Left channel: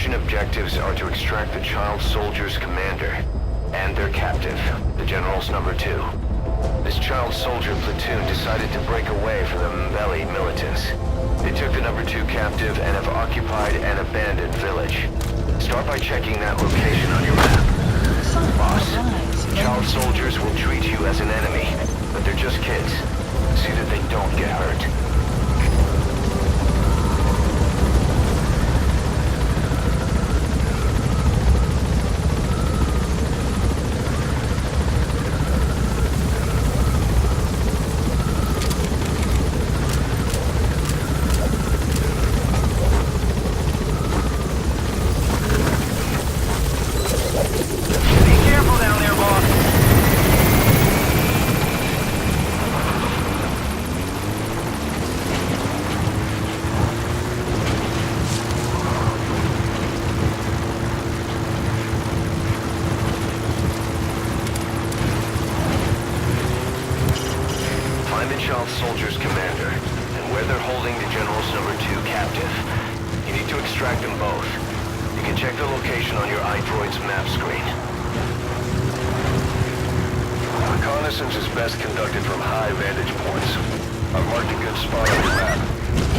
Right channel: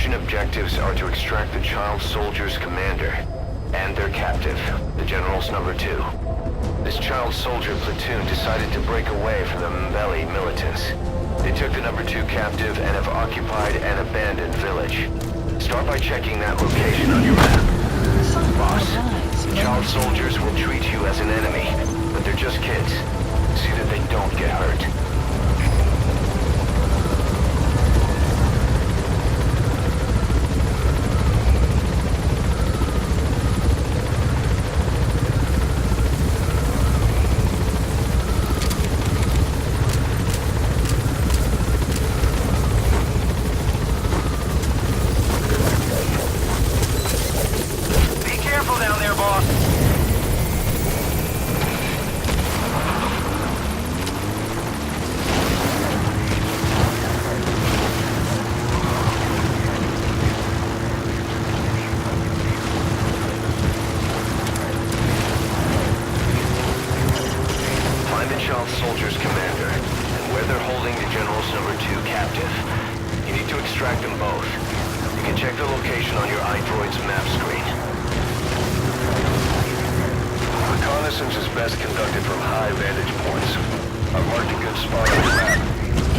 mission objectives are to extract the child soldier's commander and their captive, the General's number 2. This child soldier platoon decided to break away from the Mbeli militants. They took the number 2 captive and have occupied an abandoned village. Start by checking that location on your map. Boss, the child soldiers will treat you as an enemy, but they're just kids. See that they don't get hurt. Soldier's commander, and where they're holding the General's number 2 captive. You need to extract them both. You can check the location on your iDroid's map screen. Reconnaissance is best conducted from high vantage points. I've marked a good spot on your map.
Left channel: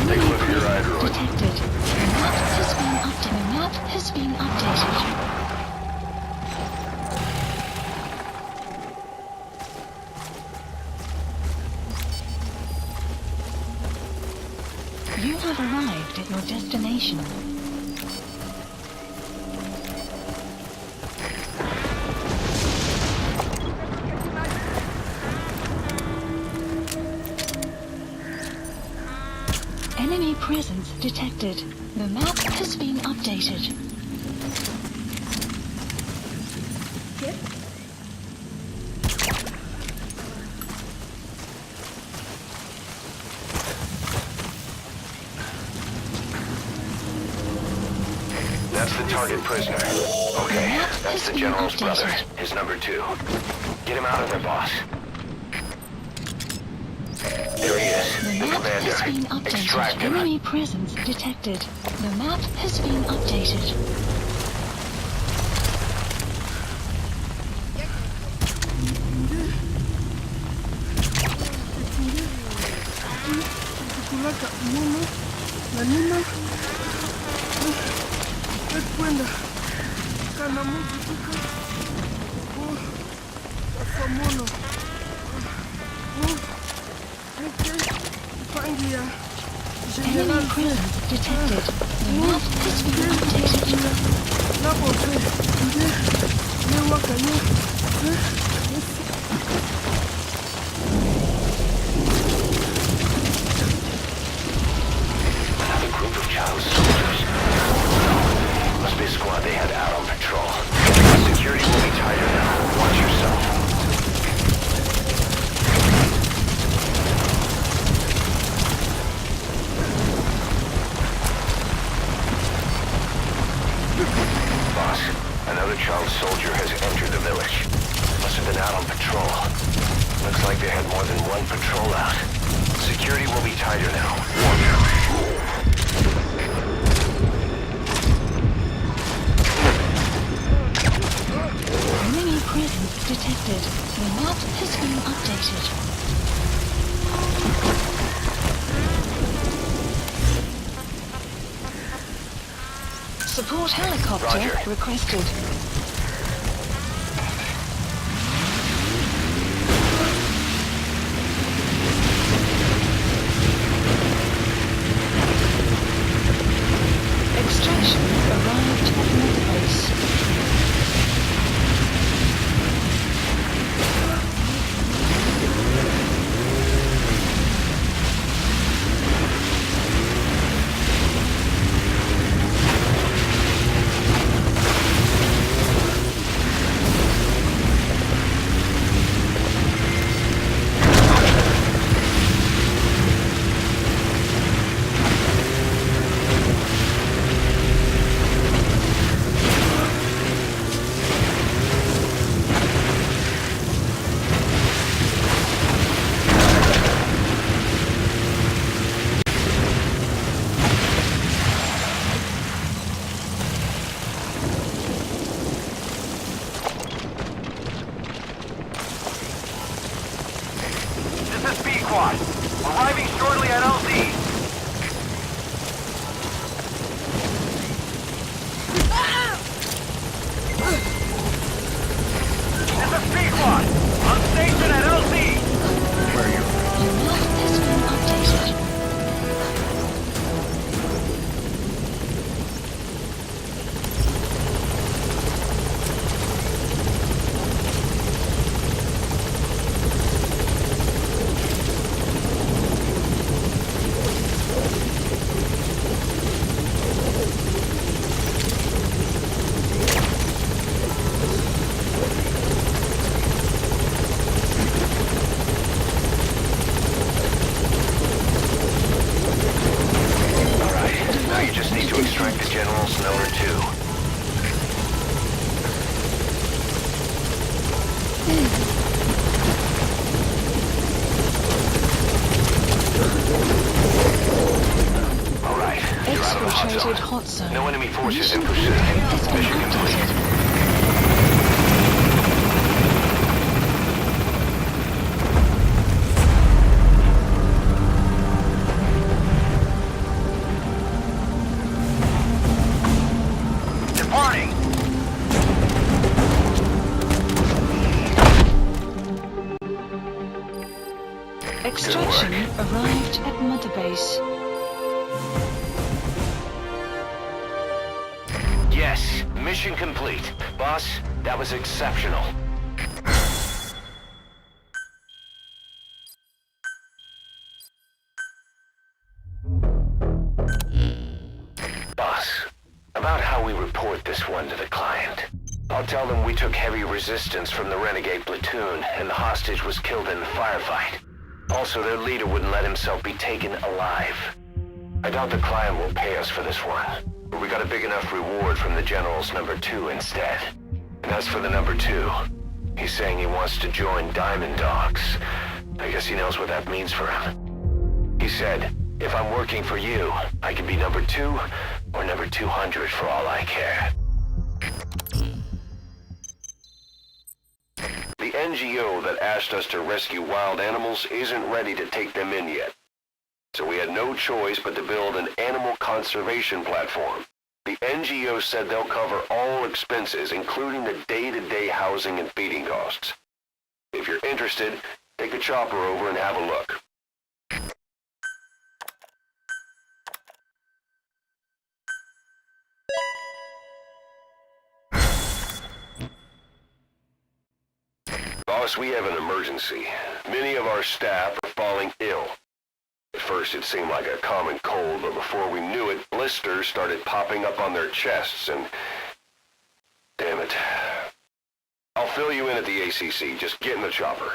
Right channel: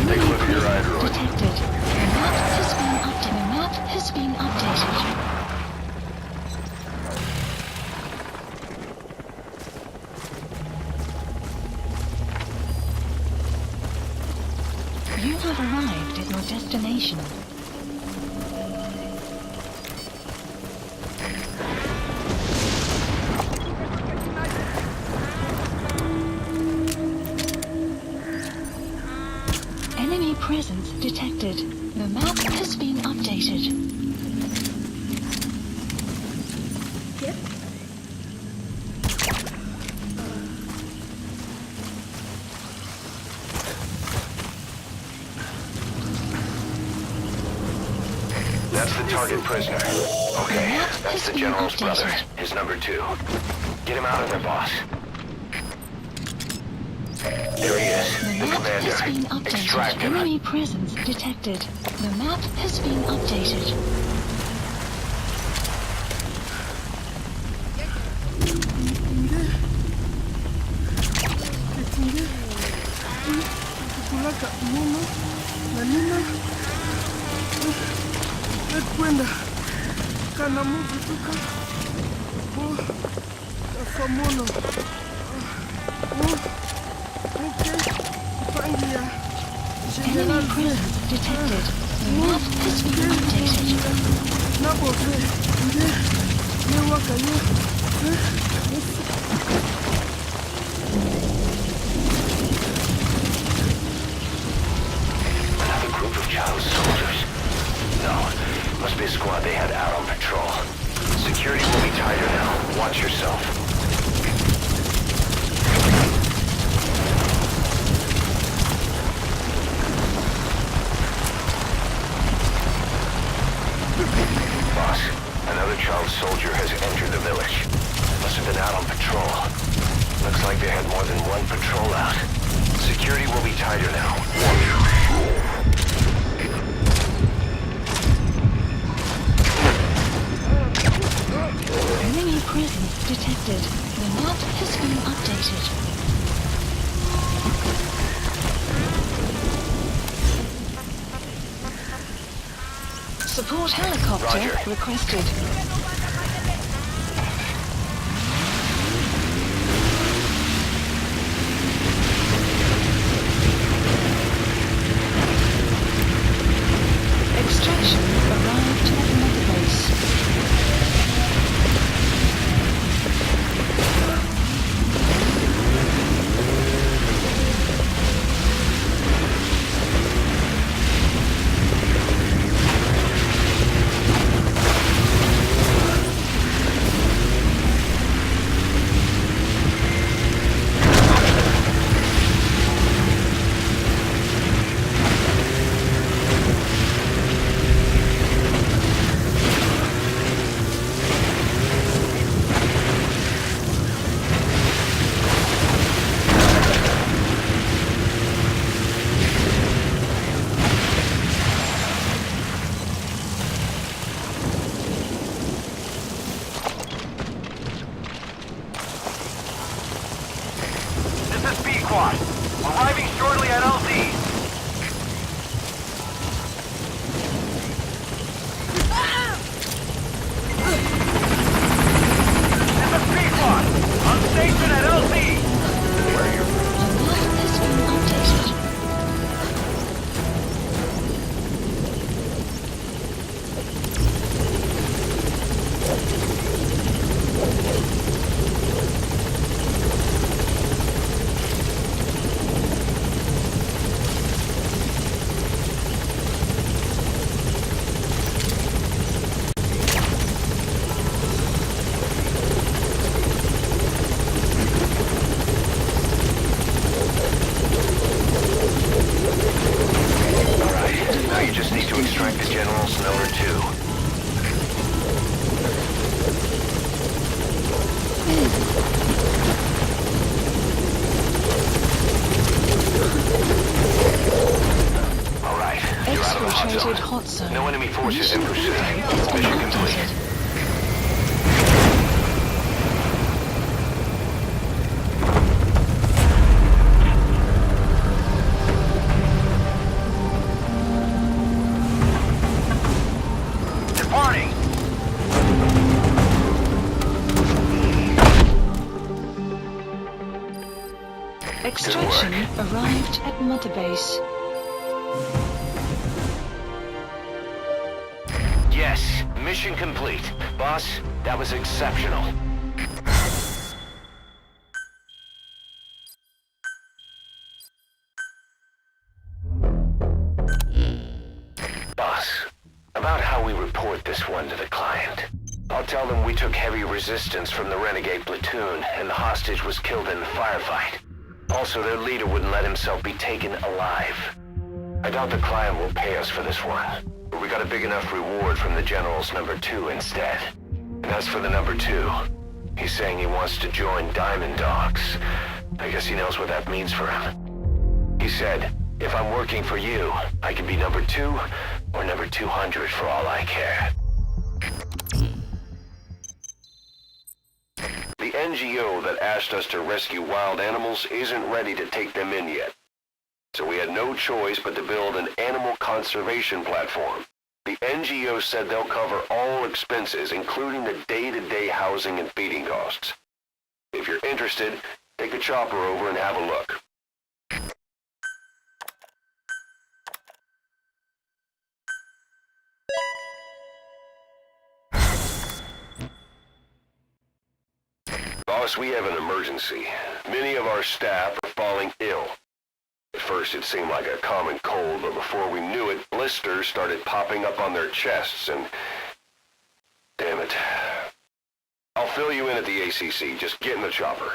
Take a look at your iDroid. Detected. The map has been updated. The map has been updated. You have arrived at your destination. Enemy presence detected. The map has been updated. Yep. That's the target prisoner. Okay, that's the General's brother, his number 2. Get him out of there, boss. There he is, the commander. Extract him. Enemy presence detected. The map has been updated. Kwenda kana mtu tuka tafamono pangia enemy presence detected. The map has been updated. Na bofe ne wakaye another group of child soldiers. No. Must be a squad they had out on patrol. Security will be tighter now. Watch yourself. Boss, another child soldier has entered the village. Must have been out on patrol. Looks like they had more than one patrol out. Security will be tighter now. Watch yourself. Enemy presence detected. The map has been updated. Support helicopter requested. Extraction arrived at another base. Infiltrated hot zone. No enemy forces in Mission pursuit. has been Mission complete. updated. Departing! Extraction arrived at Mother Base. Yes, mission complete. Boss, that was exceptional. Boss, about how we report this one to the client. I'll tell them we took heavy resistance from the renegade platoon and the hostage was killed in the firefight. Also, their leader wouldn't let himself be taken alive. I doubt the client will pay us for this one, but we got a big enough reward from the General's number 2 instead. And as for the number 2, he's saying he wants to join Diamond Dogs. I guess he knows what that means for him. He said, if I'm working for you, I can be number 2 or number 200 for all I care. The NGO that asked us to rescue wild animals isn't ready to take them in yet. So we had no choice but to build an animal conservation platform. The NGO said they'll cover all expenses, including the day-to-day housing and feeding costs. If you're interested, take the chopper over and have a look. Boss, we have an emergency. Many of our staff are falling ill. At first it seemed like a common cold, but before we knew it, blisters started popping up on their chests and... Damn it. I'll fill you in at the ACC. Just get in the chopper.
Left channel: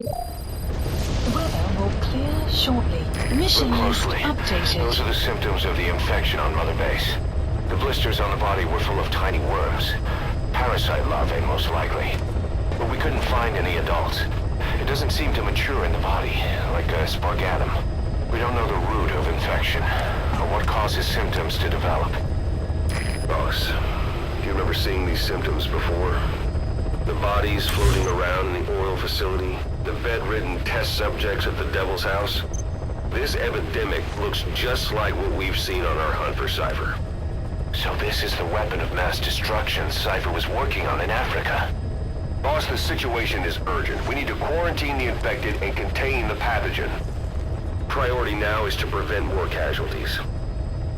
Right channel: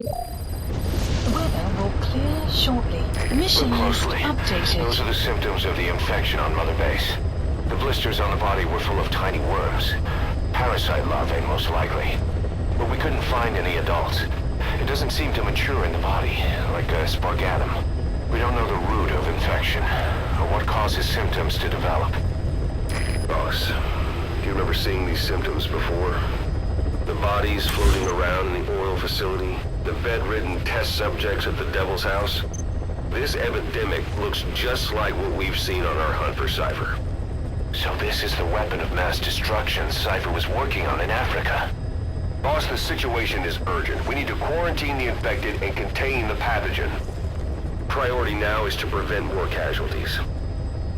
The weather will clear shortly. Mission Look list closely. updated. Those are the symptoms of the infection on Mother Base. The blisters on the body were full of tiny worms. Parasite larvae, most likely. But we couldn't find any adults. It doesn't seem to mature in the body, like a spargatum. We don't know the root of infection, or what causes symptoms to develop. Boss, do you remember seeing these symptoms before? The bodies floating around in the oil facility, the bedridden test subjects at the Devil's House. This epidemic looks just like what we've seen on our hunt for Cypher. So this is the weapon of mass destruction Cypher was working on in Africa. Boss, the situation is urgent. We need to quarantine the infected and contain the pathogen. Priority now is to prevent more casualties.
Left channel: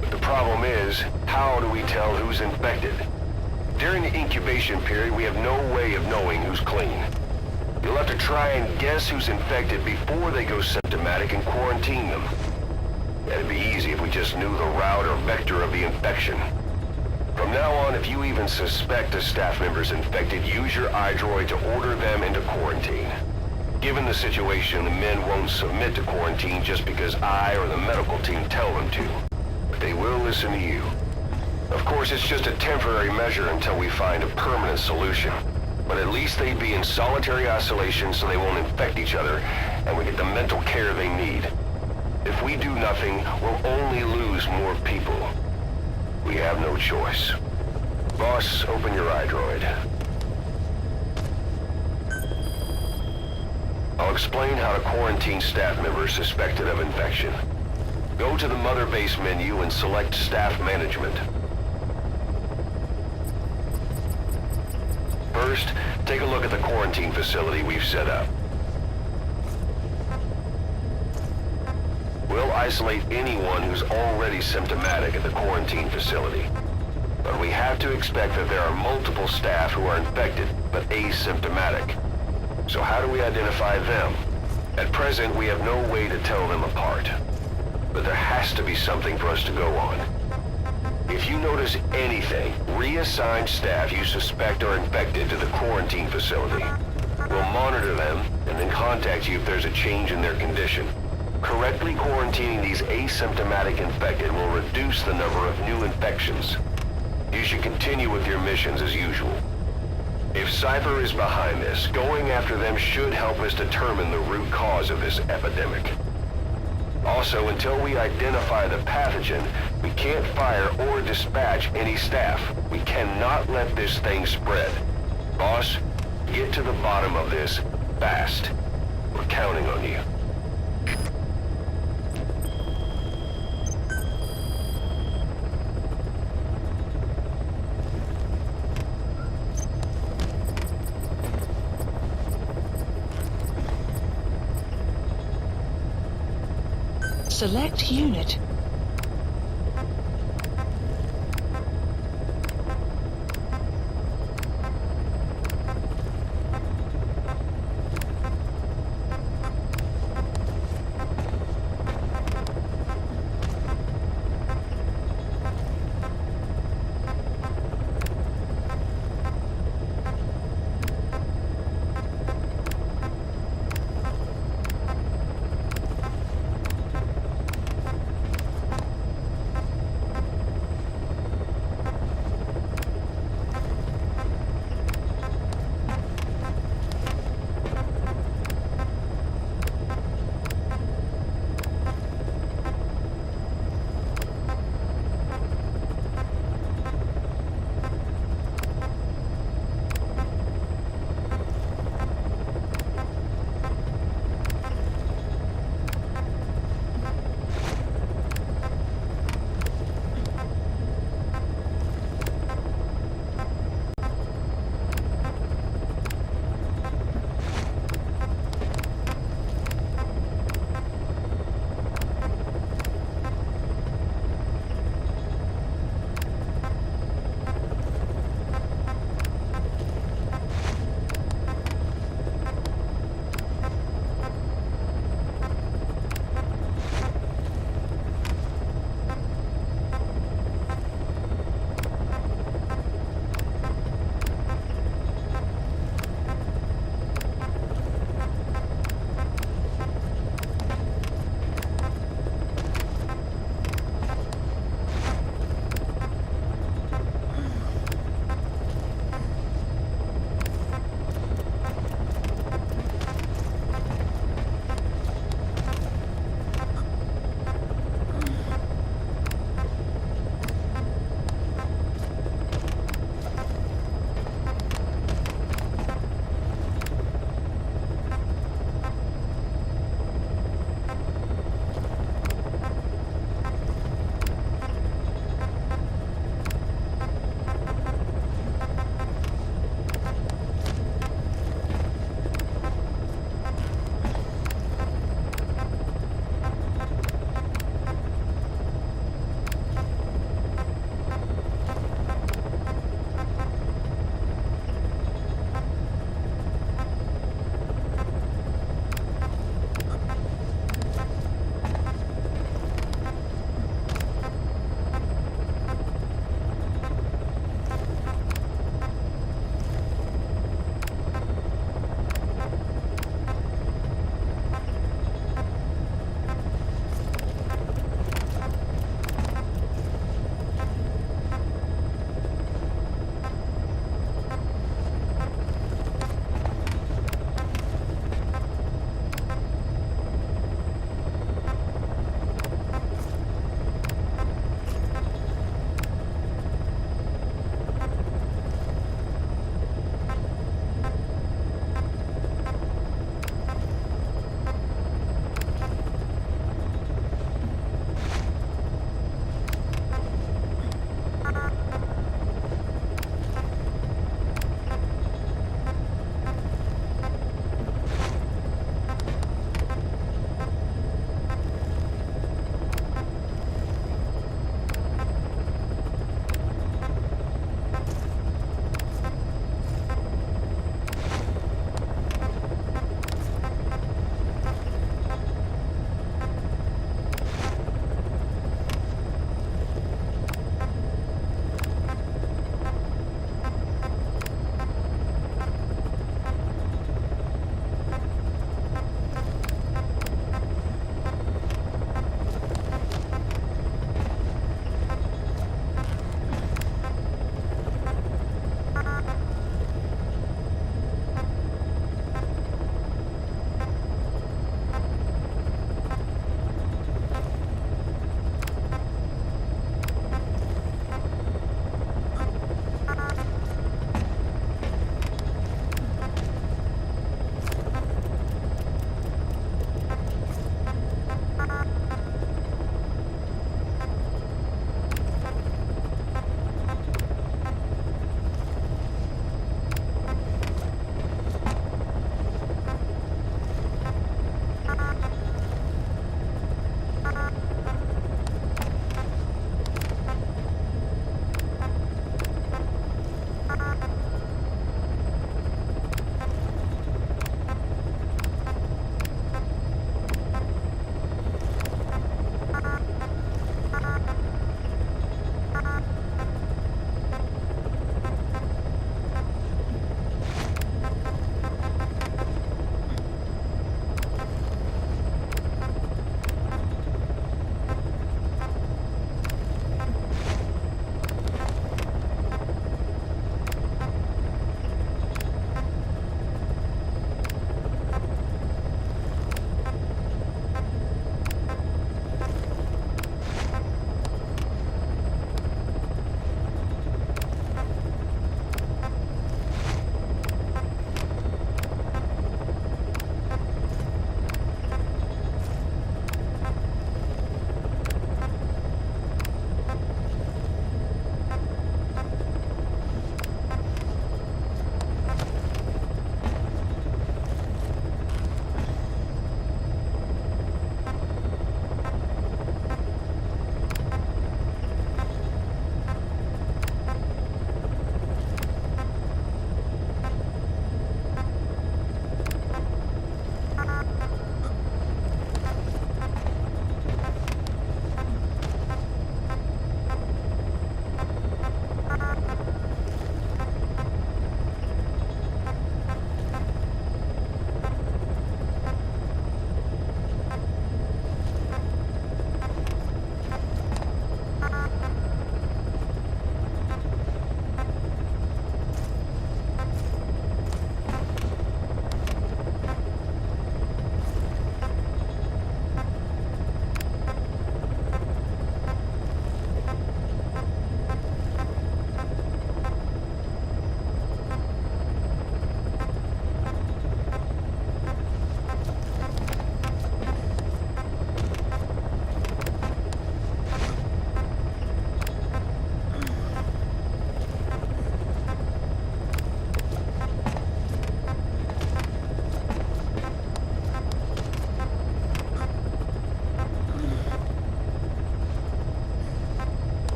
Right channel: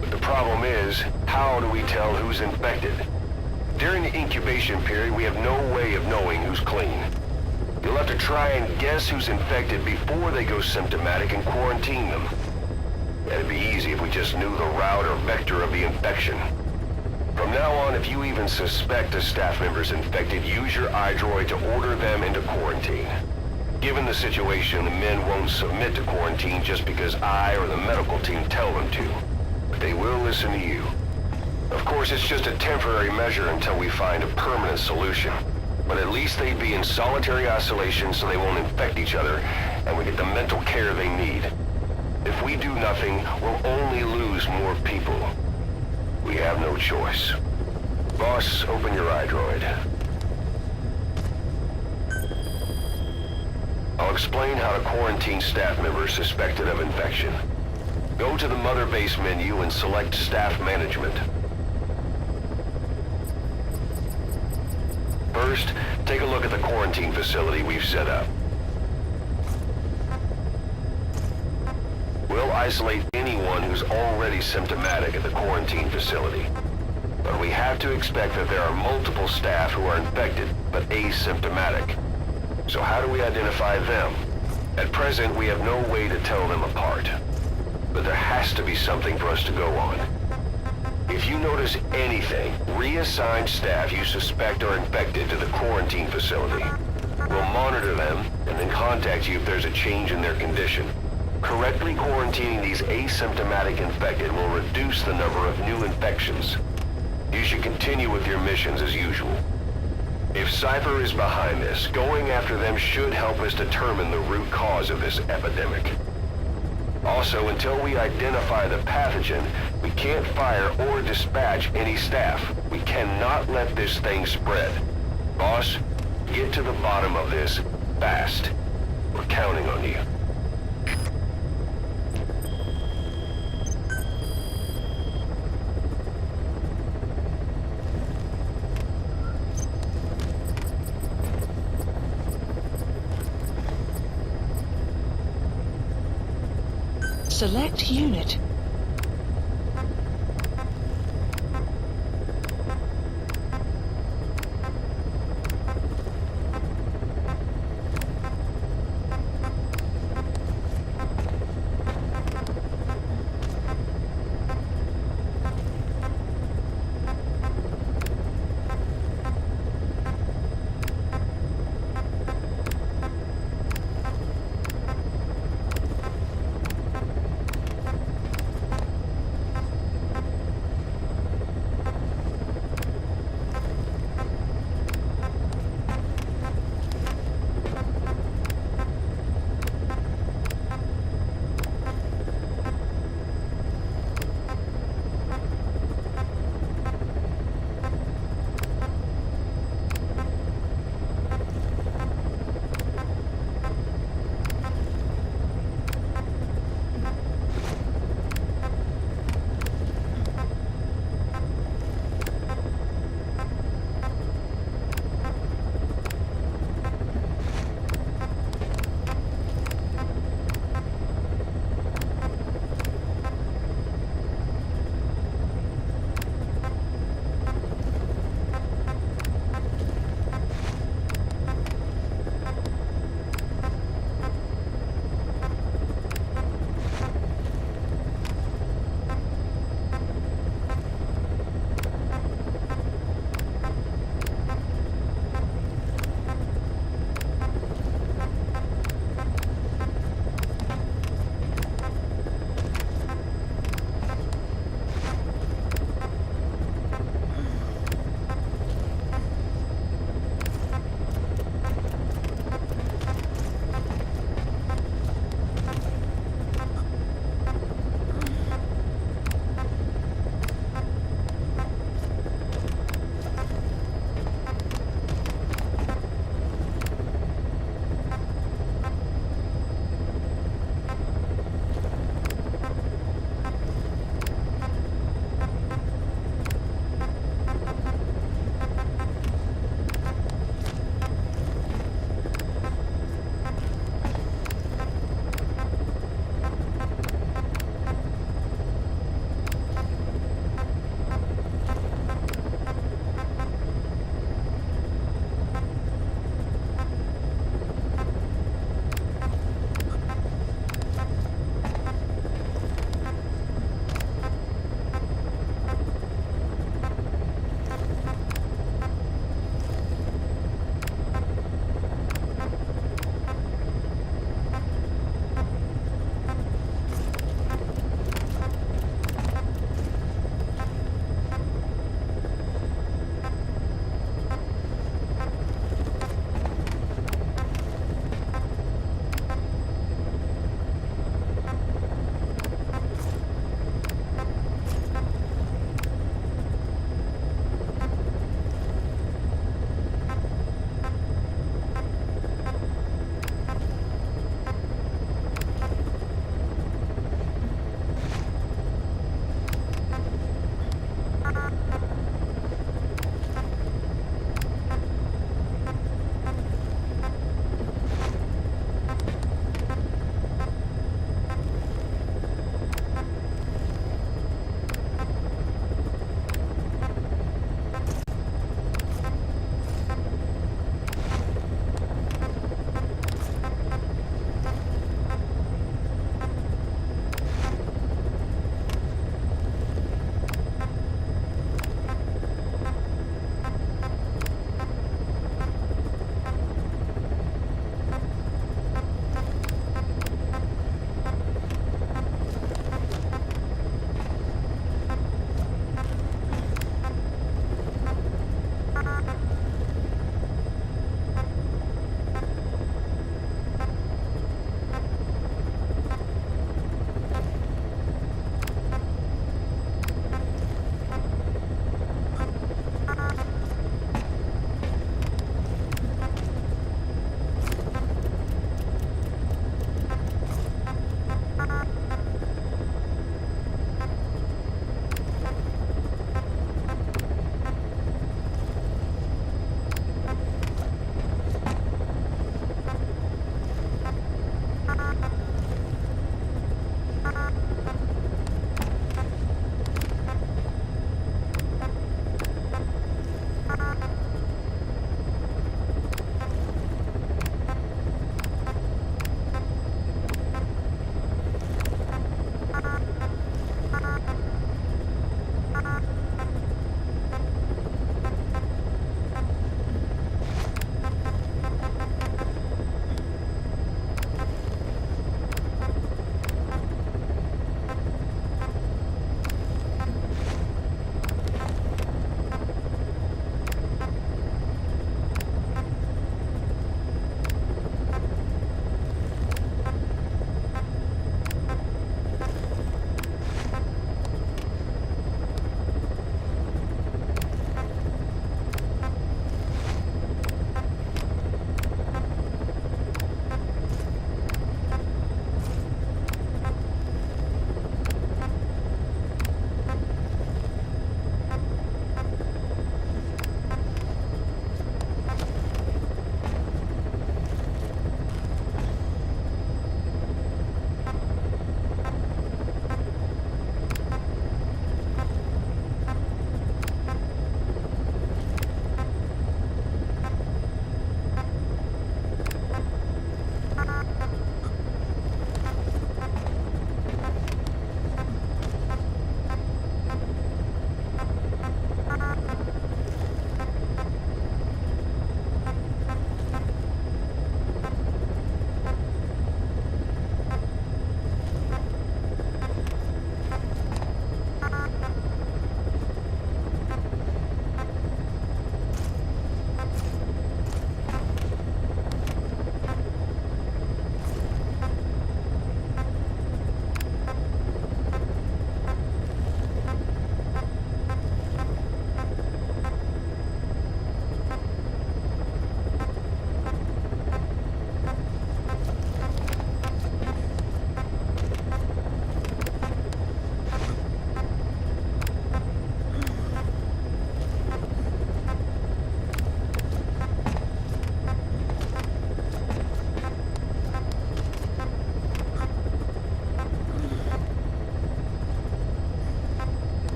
But the problem is, how do we tell who's infected? During the incubation period, we have no way of knowing who's clean. You'll have to try and guess who's infected before they go symptomatic and quarantine them. That'd be easy if we just knew the route or vector of the infection. From now on, if you even suspect a staff member's infected, use your iDroid to order them into quarantine. Given the situation, the men won't submit to quarantine just because I or the medical team tell them to. But they will listen to you. Of course, it's just a temporary measure until we find a permanent solution. But at least they'd be in solitary isolation so they won't infect each other, and we get the mental care they need. If we do nothing, we'll only lose more people. We have no choice. Boss, open your iDroid. I'll explain how to quarantine staff members suspected of infection. Go to the Mother Base menu and select Staff Management. First, take a look at the quarantine facility we've set up. We'll isolate anyone who's already symptomatic at the quarantine facility. But we have to expect that there are multiple staff who are infected, but asymptomatic. So how do we identify them? At present, we have no way to tell them apart. But there has to be something for us to go on. If you notice anything, reassign staff you suspect are infected to the quarantine facility. We'll monitor them and then contact you if there's a change in their condition. Correctly quarantining these asymptomatic infected will reduce the number of new infections. You should continue with your missions as usual. If Cypher is behind this, going after them should help us determine the root cause of this epidemic. Also, until we identify the pathogen, we can't fire or dispatch any staff. We cannot let this thing spread. Boss, get to the bottom of this fast. We're counting on you. Select unit.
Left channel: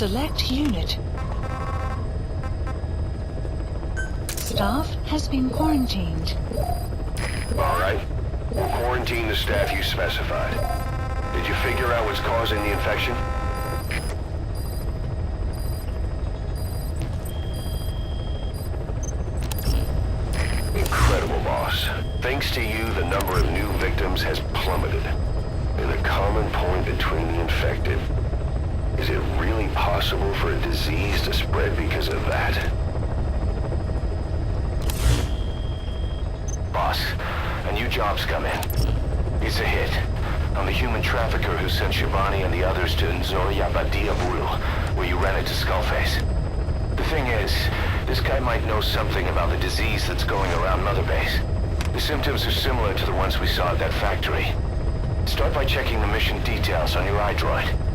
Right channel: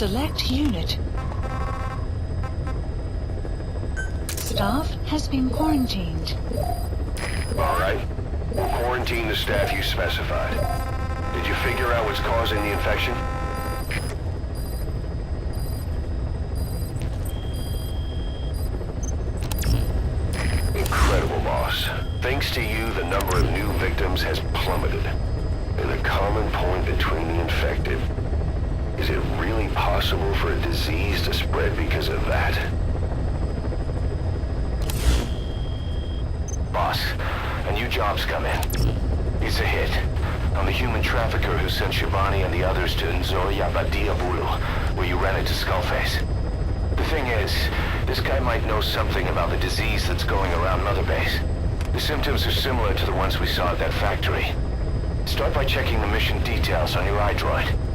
Select unit. Staff has been quarantined. All right. We'll quarantine the staff you specified. Did you figure out what's causing the infection? Incredible, boss. Thanks to you, the number of new victims has plummeted. And the common point between the infected, is it really possible for a disease to spread because of that? Boss, a new job's come in. It's a hit. I'm the human trafficker who sent Shivani and the others to Nzoya Badia Buru, where you ran into Skullface. The thing is, this guy might know something about the disease that's going around Mother Base. The symptoms are similar to the ones we saw at that factory. Start by checking the mission details on your iDroid.